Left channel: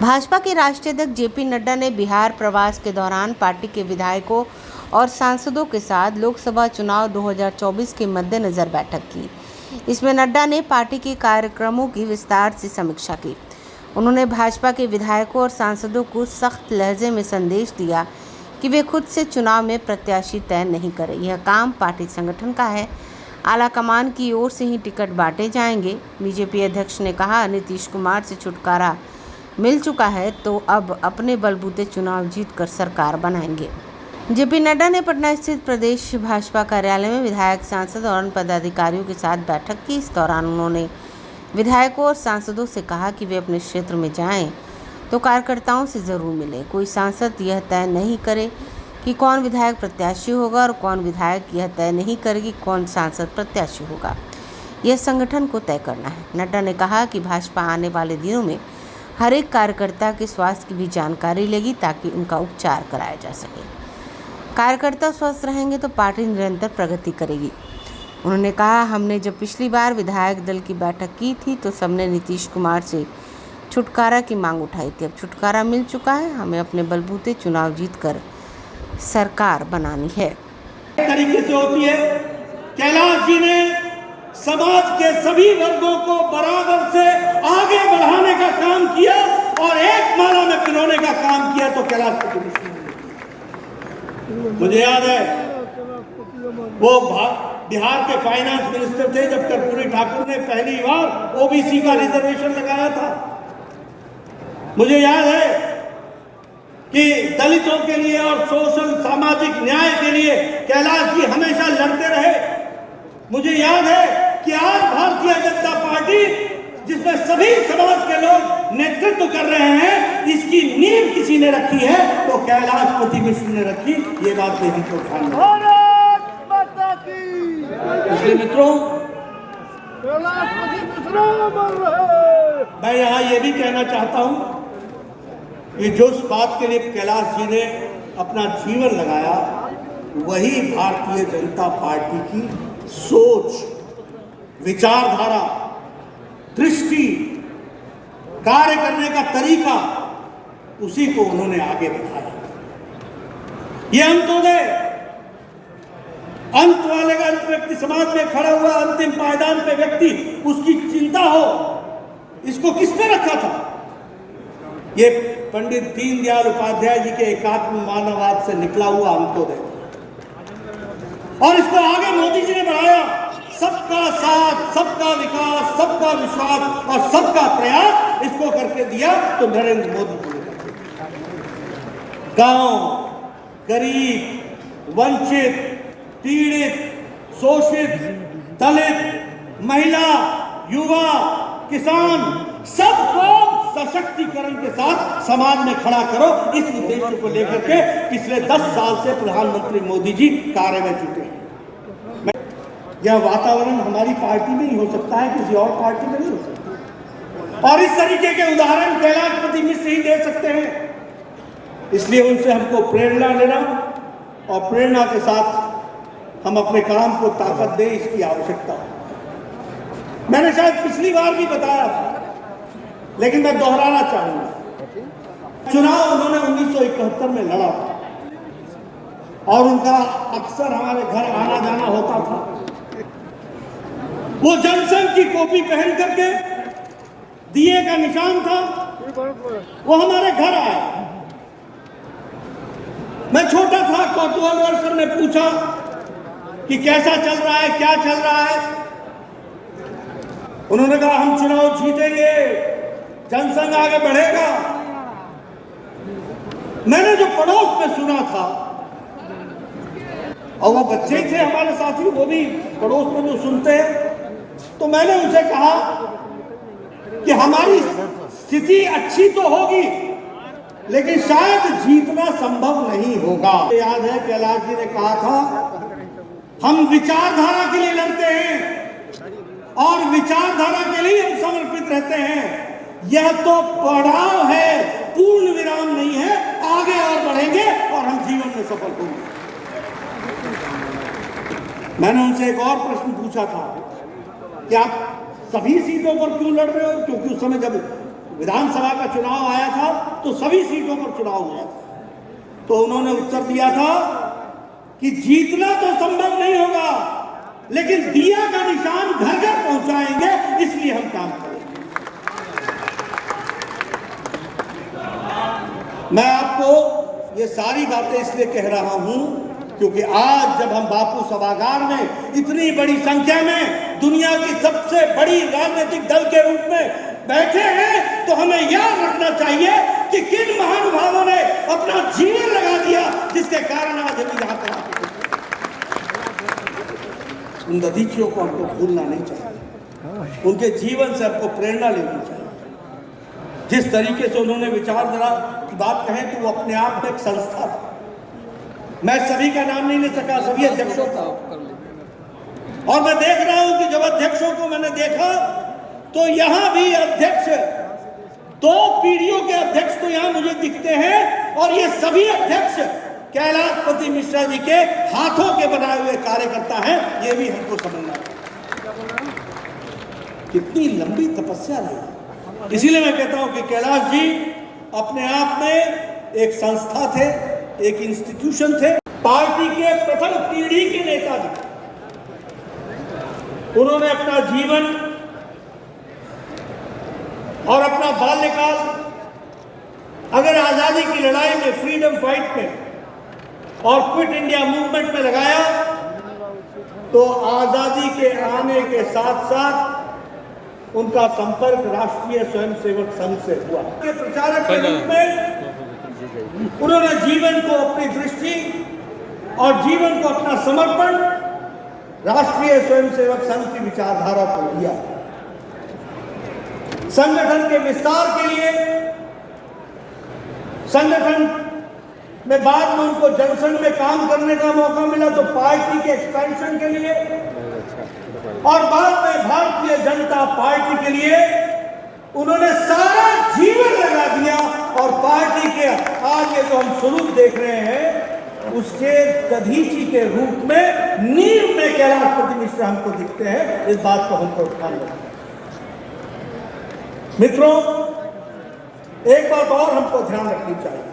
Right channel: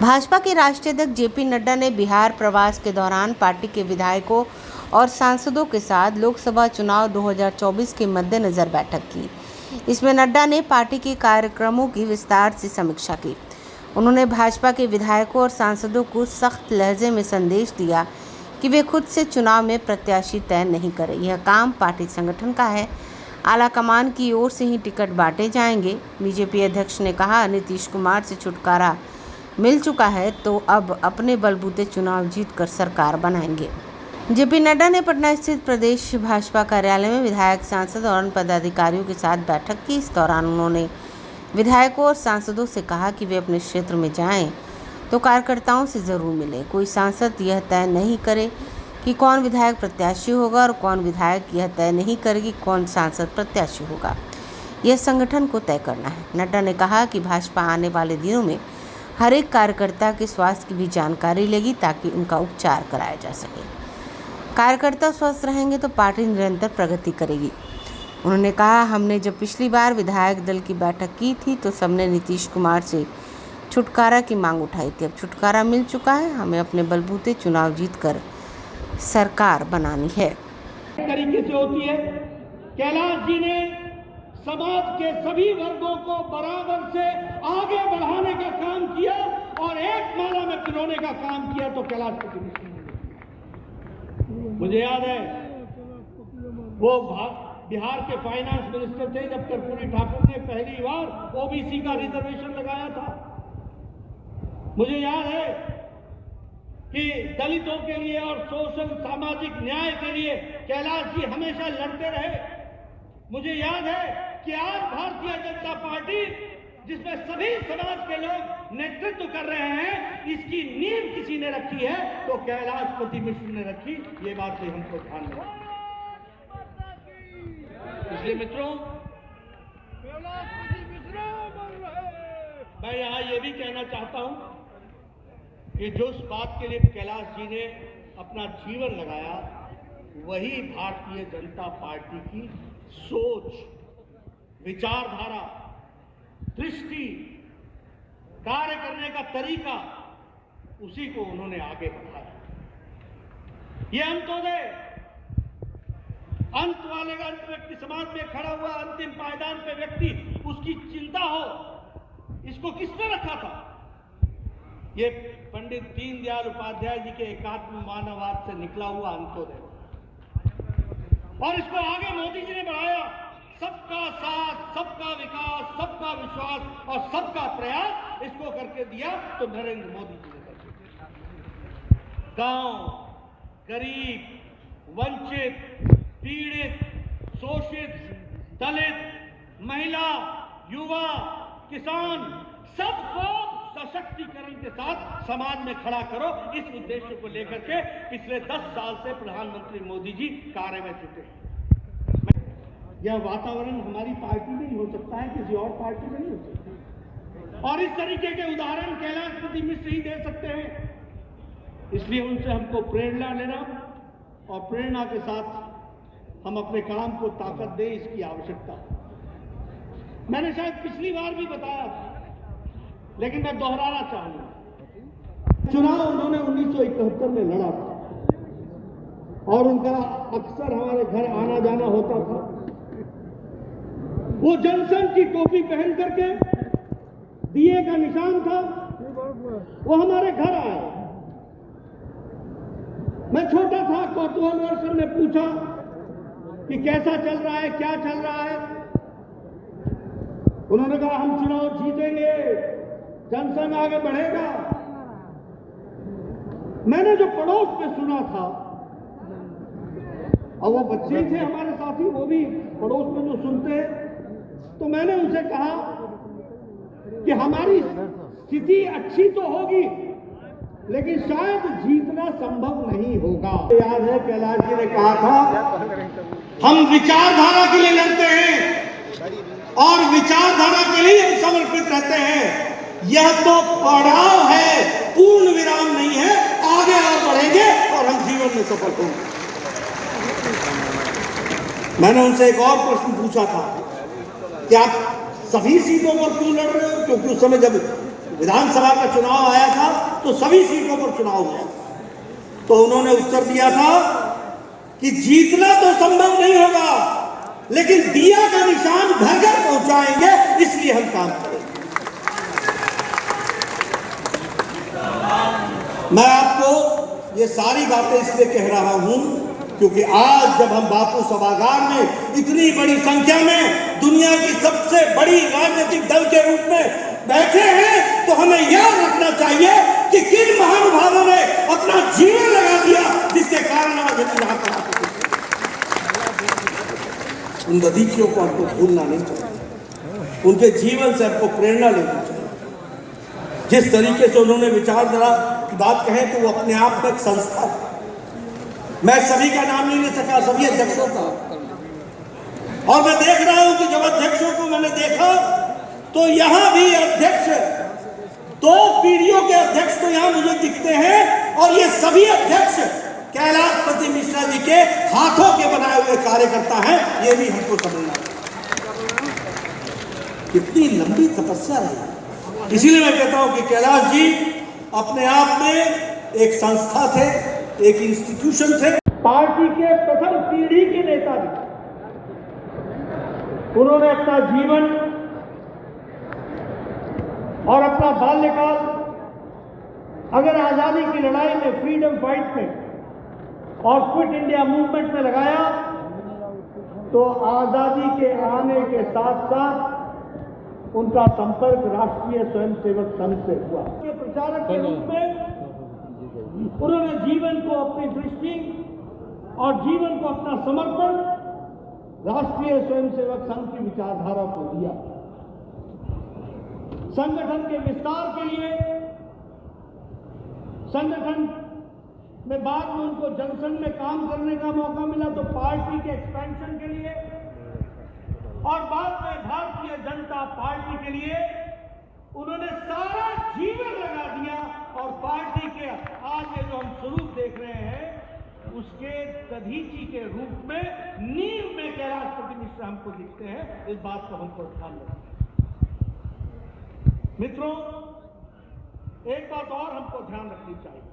भाजपा के राष्ट्रीय अध्यक्ष जेपी नड्डा ने बिहार प्रवास के दौरान पार्टी के विधायकों और सांसदों के साथ लोकसभा चुनाव 2024 के मद्देनजर बैठक की। इसमें नड्डा ने पार्टी के कार्यक्रमों की विस्तार से समीक्षा की। उन्होंने भाजपा के विधायकों और सांसदों को सख्त लहजे में संदेश दिया कि वे खुद से चुनाव में प्रत्याशी तय नहीं करें। यह काम पार्टी संगठन का है। आला कमान की ओर से ही टिकट बांटे जाएंगे। बीजेपी अध्यक्ष ने कहा, नीतीश कुमार से छुटकारा मिल चुका है तो अब अपने बलबूते चुनाव जीतकर सरकार बनाएंगे। जेपी नड्डा ने पटना स्थित प्रदेश भाजपा कार्यालय में विधायक, सांसद और अन्य पदाधिकारियों के साथ बैठक की। इस दौरान उन्होंने विधायकों और सांसदों से कहा कि वे अपने क्षेत्र में जाएं तो कार्यकर्ताओं से ज़रूर मिलें। कोई सांसद यह तय नहीं करे कि कौन विधायक प्रत्याशी होगा और कौन विधायक यह तय नहीं करेगी कौन सांसद प्रत्याशी होगा। यह संगठन को तय करना है। नड्डा ने कहा कि भाजपा आने वाले दिनों में हर एक कार्यकर्ता के स्वास्थ्य की भी जानकारी लेगी ताकि उनका उपचार कराया जा सके। कार्यकर्ता स्वस्थ रहेंगे तो पार्टी निरंतर प्रगति करेगी। उन्होंने कहा, हमने जब पिछली बार विधायक दल की बैठक की थी तो सबने नीतीश कुमार से छुटकारा की मांग उठाई थी। अब छुटकारा मिल चुका है। हमें अपने बलबूते चुनाव जीतकर सरकार बनानी है। तरीके से होती है। कैलाश जी ने समाज के सभी वर्गों को बराबर से आगे बढ़ाने का काम किया और एक माला में पिरोने का काम किया तो कैलाश मुझे याद है वो बिहार के फाइनेंस मिनिस्टर थे जब कर्पूरी ठाकुर ने पहली बार ओबीसी का रिजर्वेशन लगाया था। मुझे याद है कि दलितों के लिए और सोशल सामाजिक न्याय के लिए कैलाश जी हमेशा लड़ते रहे। मुझे याद है कि आज भारतीय जनता पार्टी जिसमें सभी समाज के लोग नेतृत्व कर रहे हैं, इसकी नींव किसी ने रखी है तो कैलाशपति मिश्र ने रखी। ये बात नहीं तो ध्यान इसलिए मित्रों, मैं यहाँ ये भी कहना चाहता हूं कि जो इस बात के लिए कैलाश जी ने अपना जीवन लगाया वही भारतीय जनता पार्टी की सोच, विचारधारा, दृष्टि, कार्य करने का तरीका, उसी को उन्होंने आगे बढ़ाया। ये अंत्योदय, अंत वाले का अंत व्यक्ति समाज में खड़ा हुआ अंतिम पायदान पे व्यक्ति उसकी चिंता हो, इसको किसने रखा था? ये पंडित दीनदयाल उपाध्याय जी के एकात्म मानववाद से निकला हुआ अंत्योदय और इसको आगे मोदी जी ने बढ़ाया। सबका साथ, सबका विकास, सबका विश्वास और सबका प्रयास इसको करके दिया तो नरेंद्र मोदी जी ने गांव, गरीब, वंचित, पीड़ित, शोषित, दलित, महिला, युवा, किसान सबको सशक्तिकरण के साथ समाज में खड़ा करो, इस उद्देश्य को लेकर के पिछले 10 साल से प्रधानमंत्री मोदी जी कार्य में जुटे हैं। यह वातावरण हमारी पार्टी में ही हो सकता है, किसी और पार्टी में नहीं हो सकता। और इस तरीके के उदाहरण कैलाशपति मिश्र ही दे सकते हैं। इसलिए उनसे हमको प्रेरणा लेना और प्रेरणा के साथ हम अपने काम को ताकत दें, इसकी आवश्यकता है। मैंने शायद पिछली बार भी बताया था, लेकिन मैं दोहराना चाहूंगा। चुनाव उन्होंने 1971 में लड़ा और उनका अक्सर हमारे घर आना जाना होता था। वो जनसंघ की टोपी पहन करके दिए का निशान था, वो हमारे घर आए। मैं छोटा था, कौतूहल सर ने पूछा कि कैसा चल रहा है, क्या चल रहा है। उन्होंने कहा हम चुनाव जीतेंगे, जनसंघ आगे बढ़ेगा। मैंने जो पड़ोस में सुना था और वो बच्चे थे हमारे साथी, वो भी पड़ोस में जो सुनते हैं, तो मैंने उनसे कहा कि हमारी स्थिति अच्छी तो होगी लेकिन शायद जीतना संभव नहीं होगा। याद है कैलाश जी ने कहा था हम विचारधारा के लिए लड़ते हैं और विचारधारा के लिए हम समर्पित रहते हैं। यह तो पड़ाव है, पूर्ण विराम नहीं है। आगे और बढ़ेंगे और हम जीवन में सफल होंगे। मैंने उनसे एक और प्रश्न पूछा था कि आप सभी सीटों पर क्यों लड़ रहे हो, क्योंकि उस समय जब विधानसभा का चुनाव आया था तो सभी सीटों पर चुनाव हुआ, तो उन्होंने उत्तर दिया था कि जीतना तो संभव नहीं होगा, लेकिन दिया का निशान घर घर पहुंचाएंगे, इसलिए हम काम करेंगे। मैं आपको ये सारी बातें इसलिए कह रहा हूं क्योंकि आज जब हम बापू सभागार में इतनी बड़ी संख्या में दुनिया की सबसे बड़ी राजनीतिक दल के रूप में बैठे हैं, तो हमें याद रखना चाहिए कि किन महानुभावों ने अपना जीवन लगा दिया, जिसके कारण आज हम यहाँ पर आते हैं। उन दधीचियों को हमको भूलना नहीं चाहिए, उनके जीवन से हमको प्रेरणा लेनी चाहिए। जिस तरीके से उन्होंने विचारधारा की बात कहे तो वो अपने आप में एक संस्था था। मैं सभी का नाम नहीं ले सका, सभी अध्यक्षों का, और मैं देख रहा हूं कि जब अध्यक्षों को मैंने देखा तो यहां भी अध्यक्ष, 2 पीढ़ियों के अध्यक्ष तो यहां मुझे दिखते हैं, और ये सभी अध्यक्ष कैलाशपति मिश्रा जी के हाथों के बनाए हुए कार्यकर्ता हैं। ये भी हमको समझना है कितनी लंबी तपस्या रही। इसीलिए मैं कहता हूं कि कैलाश जी अपने आप में एक संस्था थे, एक इंस्टीट्यूशन थे, पार्टी के प्रथम पीढ़ी के नेता थे। उन्होंने अपना जीवन और अपना बाल्यकाल अगर आजादी की लड़ाई में, फ्रीडम फाइट में और क्विट इंडिया मूवमेंट में लगाया, तो आजादी के आने के साथ साथ उनका संपर्क राष्ट्रीय स्वयंसेवक संघ से हुआ। के प्रचारक के रूप में उन्होंने जीवन को, अपनी दृष्टि और जीवन को अपना समर्पण राष्ट्रीय स्वयंसेवक संघ की विचारधारा को दिया। संगठन के विस्तार के लिए, संगठन में बाद में उनको जनसंघ में काम करने का मौका मिला, तो पार्टी के एक्सपेंशन के लिए, और बाद में भारतीय जनता पार्टी के लिए उन्होंने सारा जीवन लगा दिया। और पार्टी के आगे जो हम स्वरूप देख रहे हैं, उसके दधीची के रूप में, नींव में कैलाशपति मिश्रा हमको दिखते हैं। इस बात को हमको ध्यान रखना। मित्रों, एक बात और हमको ध्यान रखनी चाहिए।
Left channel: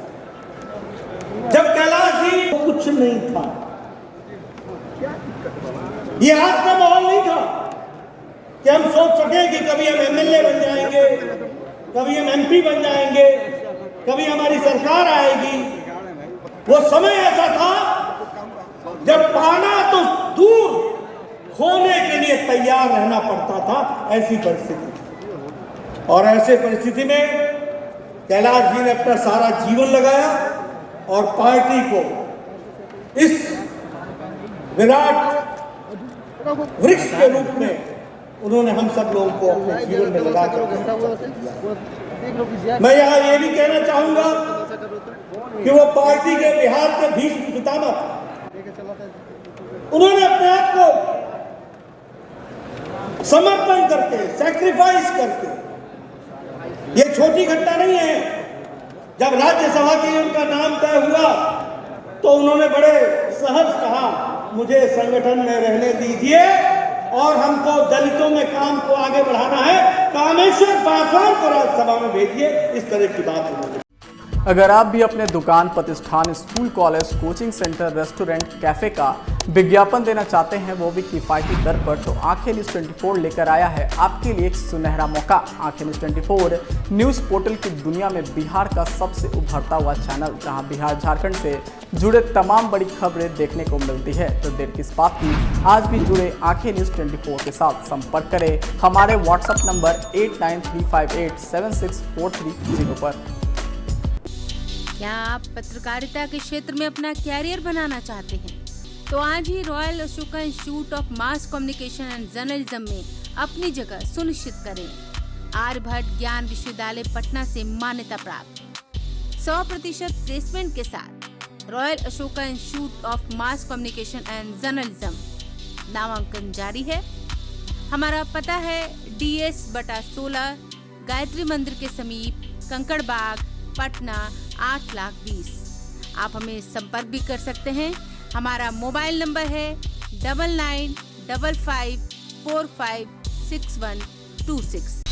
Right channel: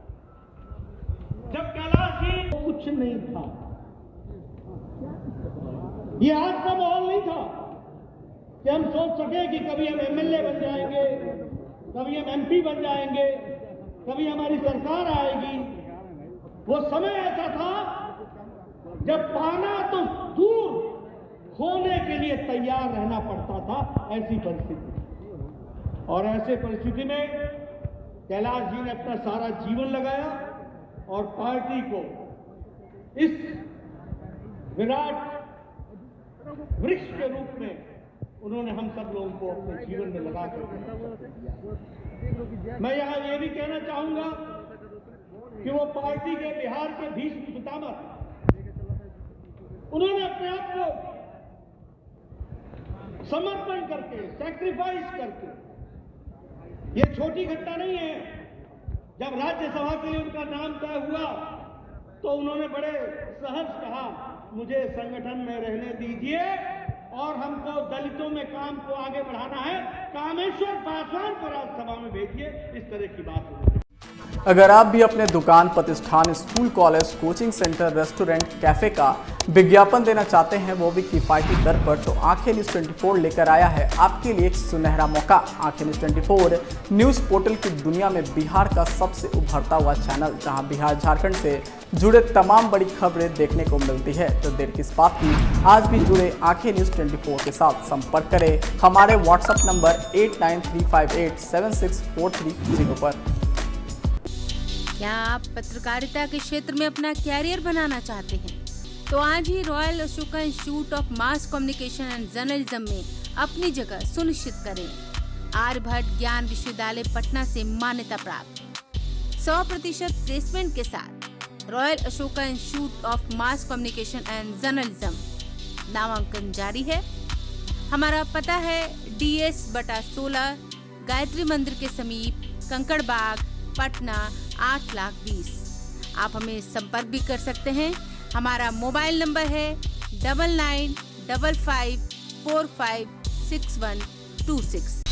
जब कैलाश जी कुछ नहीं था, ये आज का माहौल नहीं था कि हम सोच सके कि कभी हम एमएलए बन जाएंगे, कभी हम एमपी बन जाएंगे, कभी हमारी सरकार आएगी। वो समय ऐसा था जब पाना तो दूर, खोने के लिए तैयार रहना पड़ता था, ऐसी परिस्थिति। और ऐसे परिस्थिति में कैलाश जी ने अपना सारा जीवन लगाया और पार्टी को इस विराट वृक्ष के रूप में उन्होंने हम सब लोगों को अपने जीवन में लगा कर। मैं यहाँ ये भी कहना चाहूंगा कि वो पार्टी के बिहार के भीष्म पितामह थे। उन्होंने अपने आप को समर्पण करके, सैक्रिफाइस करके, ये छोटी घटना नहीं है। जब राज्यसभा के लिए उनका नाम तय हुआ तो उन्होंने बड़े सहज कहा, मुझे संगठन में रहने दीजिए और हमको दलितों में काम को आगे बढ़ाना है, कामेश्वर पासवान को राज्यसभा में भेजिए। इस तरह की बात हुई। अगर आप भी अपने दुकान, प्रतिष्ठान, school, college, coaching centre, restaurant, cafe का विज्ञापन देना चाहते हैं, वो भी किफ़ायती दर पर, तो आंखें न्यूज़ 24 लेकर आया है आपके लिए एक सुनहरा मौका। आंखें न्यूज़ 24 न्यूज़ पोर्टल की दुनिया में बिहार का सबसे उभरता हुआ चैनल, जहां बिहार झारखंड से जुड़े तमाम बड़ी खबरें देखने को मिलती है। तो देर किस बात की, आज भी जुड़े आंखें न्यूज़ 24 के साथ। संपर्क करें हमारे व्हाट्सएप नंबर 8935876430 पर। क्या आप पत्रकारिता के क्षेत्र में अपना कैरियर बनाना चाहते हैं? तो आज ही royal Ashoka institute of mass communication and journalism में अपनी जगह सुनिश्चित करें। आर्यभट्ट ज्ञान विश्वविद्यालय पटना से मान्यता प्राप्त 100% प्लेसमेंट के साथ royal Ashoka institute of mass communication and journalism नामांकन जारी है। हमारा पता है DS/16 गायत्री मंदिर के समीप, कंकड़बाग, पटना 8,20,000। आप हमें संपर्क भी कर सकते हैं। हमारा मोबाइल नंबर है 9955456126।